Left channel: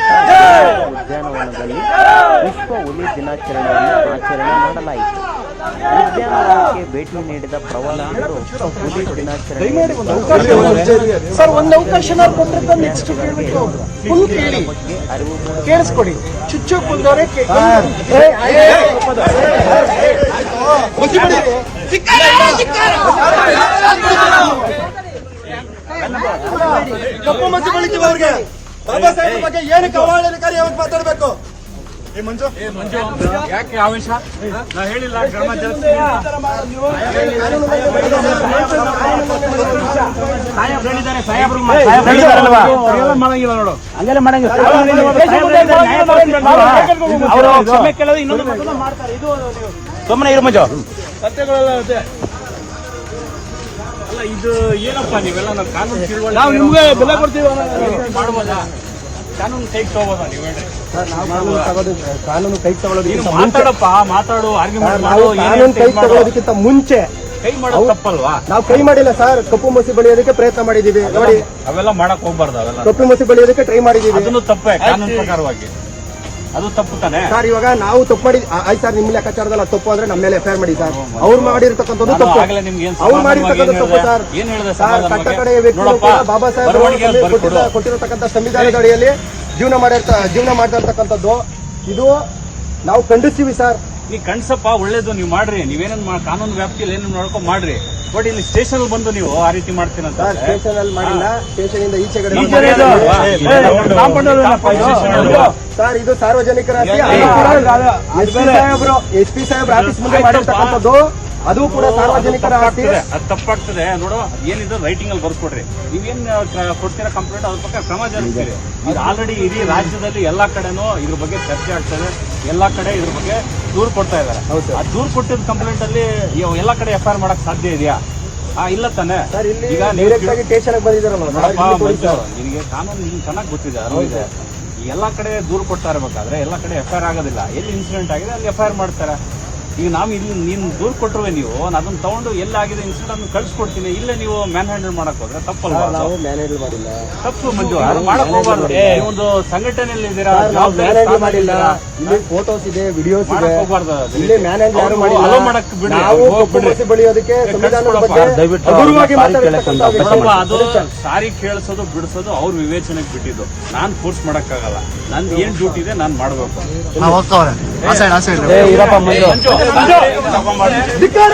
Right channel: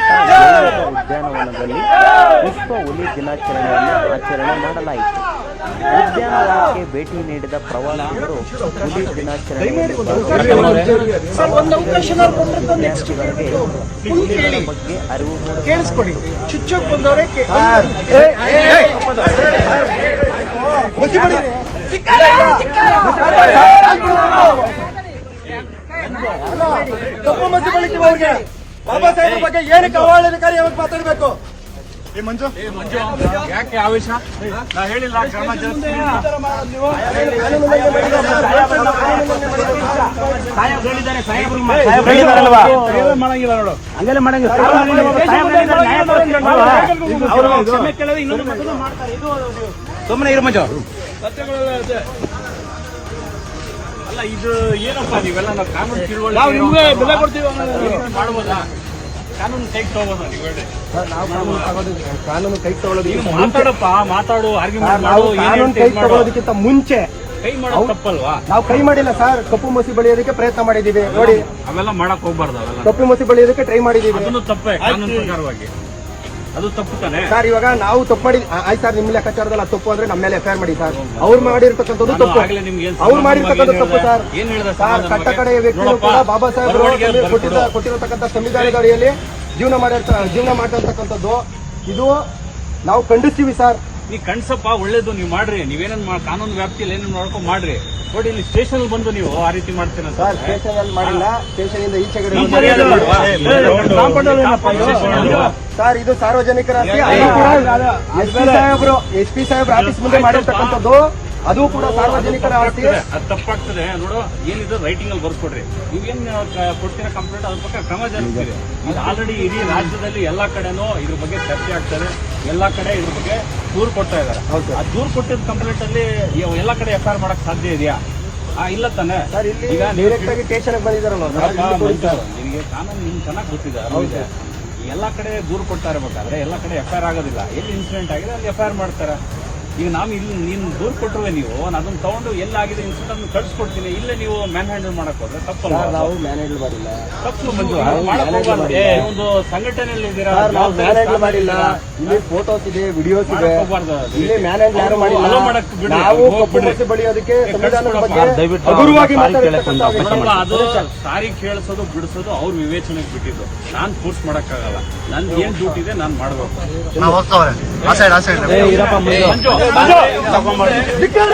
ಶ್ರೀರಂಗಪಟ್ಟಣ ಜೈವಿಕ ಉದ್ಯಾನವನದಲ್ಲಿ ವಿಶ್ವ ಹುಲಿ ದಿನಾಚರಣೆಯನ್ನು ಆಚರಣೆ ಮಾಡಲಾಯಿತು. ಉದ್ಯಾನವನಕ್ಕೆ ಭೇಟಿ ನೀಡಿದ ಪ್ರವಾಸಿಗರು ಹುಲಿ ದಿನಾಚರಣೆಯಲ್ಲಿ ವಿದ್ಯಾರ್ಥಿಗಳಿಗೆ ಹುಲಿಗಳ ಬಗ್ಗೆ ಅರಿವು ಮೂಡಿಸಲಾಯಿತು. ಕಪ್ಪು ಮಚ್ಚು ಬೆಳಿತೀವಿ ಬಾಬಾ ಸಾಹೇಬ್ ಬಗ್ಗೆ ಏನಕ್ಕೆ ಅವಹೇಳನಕಾರಿ ಅವ್ರು ಮಾತಾಡಬೇಕು? ಯಾಕೆ ಆವೇಶ? ನಾ ಹೇಳಿಲ್ಲ ಕ್ರಮ ಮಾಡಂಗಿಲ್ಲ ನೋಡು, ಹಂಗೆಲ್ಲ ಮಾಡಂಗಿಲ್ಲ. ಅವರು ಕ್ಷಮೆ ಕೇಳೋದು ಇನ್ನೊಂದು ಮಾಡ್ತಾರೆ. ಇದು ಸುಮ್ಮನೆ ಇರು ಮಂಜು. ಸತ್ಯಗಳೆಲ್ಲ ಅಲ್ಲ, ಇದು ಏನಪ್ಪ ನೀವೆಲ್ಲ ಕಾನೂನು ತಿಳುವಳಿ, ನಾವು ನಿಮ್ಗೆ ಬೆಲೆ ಕೊಡ್ತೀವಿ. ಕಾನೂನು ಕೈ ತಗೋಬೋದ ನೀವು ಹೇಳಿ? ಕಾನೂನು ಕೈ ತಗೊಳ್ಳೋದಕ್ಕಿಂತ ಮಾತಾಡಪ್ಪ, ಮಾತಾಡು, ಆರ್ಗ್ಯುಮೆಂಟ್ ಮಾಡು. ಕಾನೂನು ಕೈ ತಗೊಳ್ಳೋದಕ್ಕಿಂತ ಮುಂಚೆ ಕೈ ಮಾಡೋದು ತಪ್ಪಲ್ವಾ? ನಾವು ಕೈ ಮಾಡಿಲ್ಲ ಸರ್, ಕಪ್ಪು ಮಸಿ ಬೆಳೆಯೋದಕ್ಕೆ ಪ್ರಯತ್ನ ಮಾಡಿದೀವಿ ನೋಡಿ. ಅವೆಲ್ಲ ಮಾಡಕ್ ಹೋಗ್ಬಾರ್ದು. ಅವೆಲ್ಲ ಕಪ್ಪು ಮಸಿ ಬೆಳೆಯೋದಕ್ಕೆ ಟ್ರೈ ಮಾಡಿದೀವಿ. ಅದನ್ನು ತಪ್ಪೇ, ಕಾನೂನು ಪ್ರಕಾರವಾಗಿ ಅದು ತಪ್ಪು ತಾನೆ ಸರ್. ಇವಾಗ ನಾವು ತಪ್ಪು ಮಾಡಿ ಆಯ್ತು ಸರ್, ನಿಮ್ಮ ಲೆಕ್ಕಾಚಾರದಲ್ಲಿ ತಪ್ಪು ಅಂದ್ರೆ ನಮ್ಮ ಮೇಲೆ ಎಫ್ಐಆರ್ ಮಾಡಿ ಸರ್. ಅವ್ರು ಮಾಡಿರ್ತಕ್ಕಂಥದ್ದು ತಪ್ಪು, ಅವ್ರು ಮಾಡಿರ್ತಕ್ಕಂಥ ತಪ್ಪು ಸರ್. ಸರ್, ಕಟ್ಟ ಕಡೆಯ ವ್ಯಕ್ತಿಗಳು ಕೂಡ ಬಾಬಾ ಸಾಹೇಬ್ ಕೊಟ್ಟಿರತಕ್ಕಂಥ ಸಂವಿಧಾನದ ಅಡಿಯಲ್ಲಿ ಜೀವನ ಮಾಡಿರ್ತಕ್ಕಂಥದ್ದು ಇದು ನಾವು ಖಂಡಿಸ್ತೀವಿ ಸರ್. ಈ ಕಣ್ಸಪ್ಪ ಒಳ್ಳೇದು, ನೀವು ಮಾಡ್ರಿ. ನೀವೇನೇನ್ ಕಾನೂನು ವ್ಯಾಪ್ತಿಯಲ್ಲಿ ಏನೇನು ನೋಡ್ಕೊಂಡು ಮಾಡ್ರಿ. ಬಟ್ ಇಲ್ಲಿ ಸ್ಟೇಷನ್ ಬಂದು ನೀವು ಆ ರೀತಿ ಮಾಡ್ತೀರಂತ ಸರ್. ಸ್ಟೇಷನ್ ಅಲ್ಲಿ ಮಾಡಿಲ್ಲ, ಸ್ಟೇಷನ್ ಇಂದ ಈಚೆಗಡೆ ಸರ್. ಇದು ಸಾರ್ವಜನಿಕರ ಆಸ್ತಿ. ಅದು ಕೂಡ ಎಸ್ ಪಿ ಸಾಹೇಬ್ರ ಆಫೀಸ್ ಮುಂದೆ ಮಾಡಿರ್ತಕ್ಕಂಥದ್ದು, ಅದು ಕೂಡ ಸಾರ್ವಜನಿಕರ ಆಸ್ತಿ. ಅದು ತಪ್ಪಾಗ್ತದೆ ನೋಡು. ಏನಿದ್ರು ರೈಟಿಂಗ್ ಅಲ್ಲಿ ಬರ್ಕೊಡ್ರಿ. ನೀವೇನ್ ಕೊಡ್ತೀರಾ ಕಂಪ್ಲೇಂಟ್, ಅದ್ರ ಪ್ರಕಾರ ಕ್ರಮ ಜರುಗಿದೆ. ಈಗ ಆಲ್ರೆಡಿ ಇಡೀ ರಾಜ್ಯದಲ್ಲಿ ಎಲ್ಲಾ ಕಡೆನೂ ಇದ್ರ ಬಗ್ಗೆ ಚರ್ಚೆ ಆಗ್ತದೆ. ಎಲ್ಲಾ ಕಡೆ ಇದ್ರ ಬಗ್ಗೆ ದೂರು ಕೊಡ್ತಾ ಇದಾರೆ. ಆ ದೂರು ಕೊಟ್ಟಿದ್ದ ಕಂಪ್ಲೇಂಟ್ ಅಲ್ಲಿ ಎಲ್ಲಾ ಕಡೆ ಎಫ್ಐಆರ್ ಮಾಡಕ್ ಸಾಧ್ಯ ಇದೆಯಾ? ಇಲ್ಲ ತಾನೆ ಸರ್. ಇಲ್ಲಿ ಡೈರೆಕ್ಟ್ ಆಗಿ ಸ್ಟೇಷನ್ ಬಂದಿದ್ದಾರಲ್ಲ, ನಿಮ್ಗೆ ಕಾನೂನು ನಿಮ್ಗೆ ಚೆನ್ನಾಗಿ ಗೊತ್ತಿದೆ. ಎಲ್ಲಾ ಕಡೆ ದೂರು ಕೊಡ್ತಾ ಇರಬೇಕಾದ್ರೆ ಎಲ್ಲಾ ಕಡೆ ಎಫ್ಐಆರ್ ಆಗೋದಿಲ್ಲ. ಎಲ್ಲಿ ಇನ್ಸಿಡೆಂಟ್ ಆಗಿದೆ ಅಲ್ಲಿ ಎಫ್ಐಆರ್ ಮಾಡ್ತಾರೆ. ಈಗ ನಾವು ಇಲ್ಲಿ ನೀನು ದೂರು ಕೊಟ್ಟರುವೆ, ನೀವು ಅದನ್ನ ತಗೊಂಡು ಎಲ್ಲಾಗಿದೆ ಇನ್ಸಿಡೆಂಟ್ ಅನ್ನು ಕಳ್ಸಿಕೊಡ್ತೀನಿ. ಇಲ್ಲೇ ನೀವು ಮ್ಯಾನ್ ಹ್ಯಾಂಡಲ್ ಮಾಡಕ್ ಹೋದ್ರೆ ತಪ್ಪಲ್ಲ. ನಾವು ಮ್ಯಾನ್ ಹ್ಯಾಂಡಲ್ ಮಾಡಿಲ್ಲ. ತಪ್ಪು ಮಂಜು, ಮಾಡಕ್ ಹೋಗ್ಬಾರ್ದು. ಒಂದು ಸಂಘಟನೆಯಲ್ಲಿ ಇದ್ದೀರಾ, ನಾವು ಮ್ಯಾನ್ ಹ್ಯಾಂಡಲ್ ಮಾಡಿಲ್ಲ. ಇಲ್ಲಿ ಫೋಟೋಸ್ ಇದೆ, ವಿಡಿಯೋಸ್ ಇದೆ. ಇಲ್ಲಿ ಮ್ಯಾನ್ ಹ್ಯಾಂಡಲ್ ಯಾರು ಮಾಡಿಲ್ಲ. ನಾವು ಕಪ್ಪು ಮಸಿ ಬೆಳೆಯೋದಕ್ಕೆ ಸಂವಿಧಾನದ ಬಗ್ಗೆ ಹಗುರವಾಗಿ ಅದು ಸಾರಿ ಕೇಳಿಸೋದು ಬಿಡಿಸೋದು ಅವ್ರ ವಿವೇಚನೆಗೆ ಬಿಟ್ಟಿದ್ದು. ನಾನ್ ಫೋರ್ಸ್ ಮಾಡಕ್ಕಾಗಲ್ಲ. ನಂದು ಏನ್ ಡ್ಯೂಟಿ ಇದೆ ನಾನು ಮಾಡ್ಬೇಕು. ಧಿಕ್ಕಾರ